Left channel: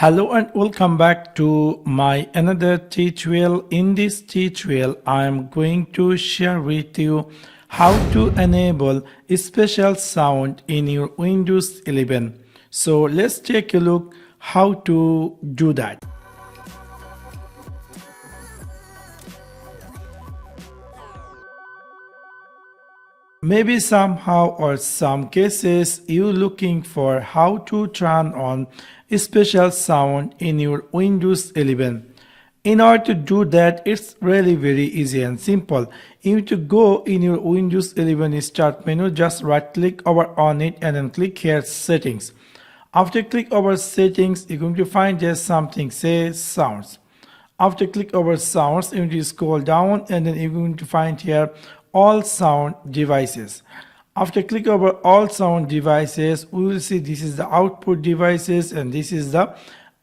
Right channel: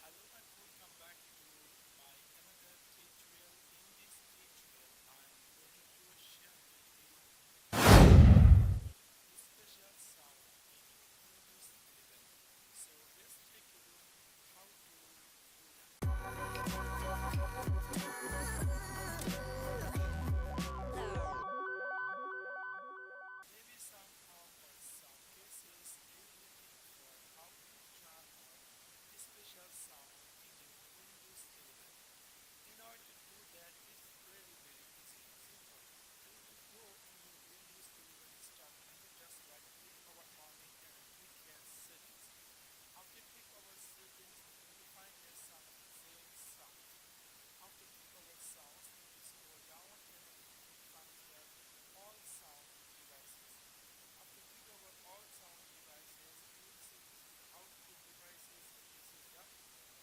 Hello and welcome back to my another tutorial. In this tutorial I am going to share with you how to enable a special sound in your Windows 11. So let's take a look how to do that. Maybe somehow or some cases you're looking for how to turn on a special sound in your Windows 11. In order to do that, it's really very easy and simple. You need to go in your Windows 11 start menu, just right click over on it and then click here settings. After click over settings, you're going to find just something say sounds. After click over sounds, you need to scroll down and then you're going to find here all sound devices. After click over all sound devices, we will see this is the output devices and this is the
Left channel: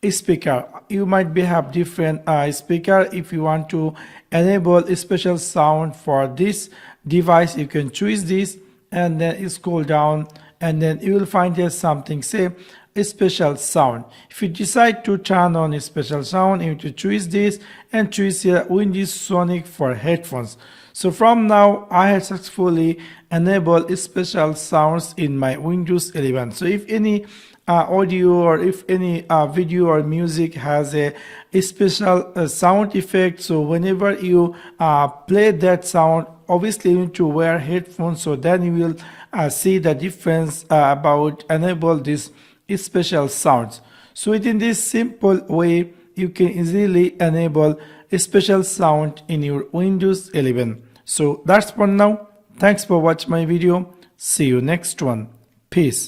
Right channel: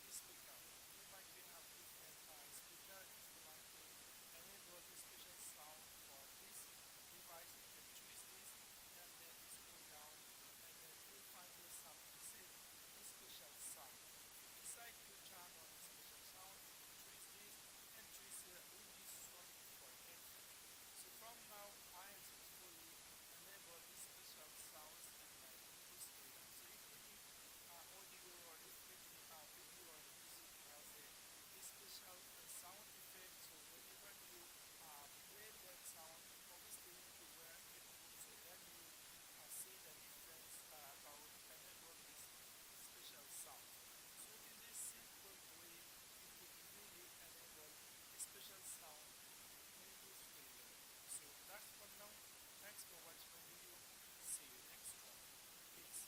speaker. You might be have different speaker. If you want to enable a special sound for this device, you can choose this and then you scroll down and then you will find here something say a special sound. If you decide to turn on a special sound, you need to choose this and choose here Windows Sonic for headphones. So from now I have successfully enabled special sounds in my Windows 11. So if any audio or if any video or music has a special sound effect, so whenever you play that sound, obviously you need to wear headphones, so then you will see the difference about enable this special sounds. So within this simple way you can easily enable a special sound in your Windows 11. So that's for now. Thanks for watching my video. See you next one. Peace.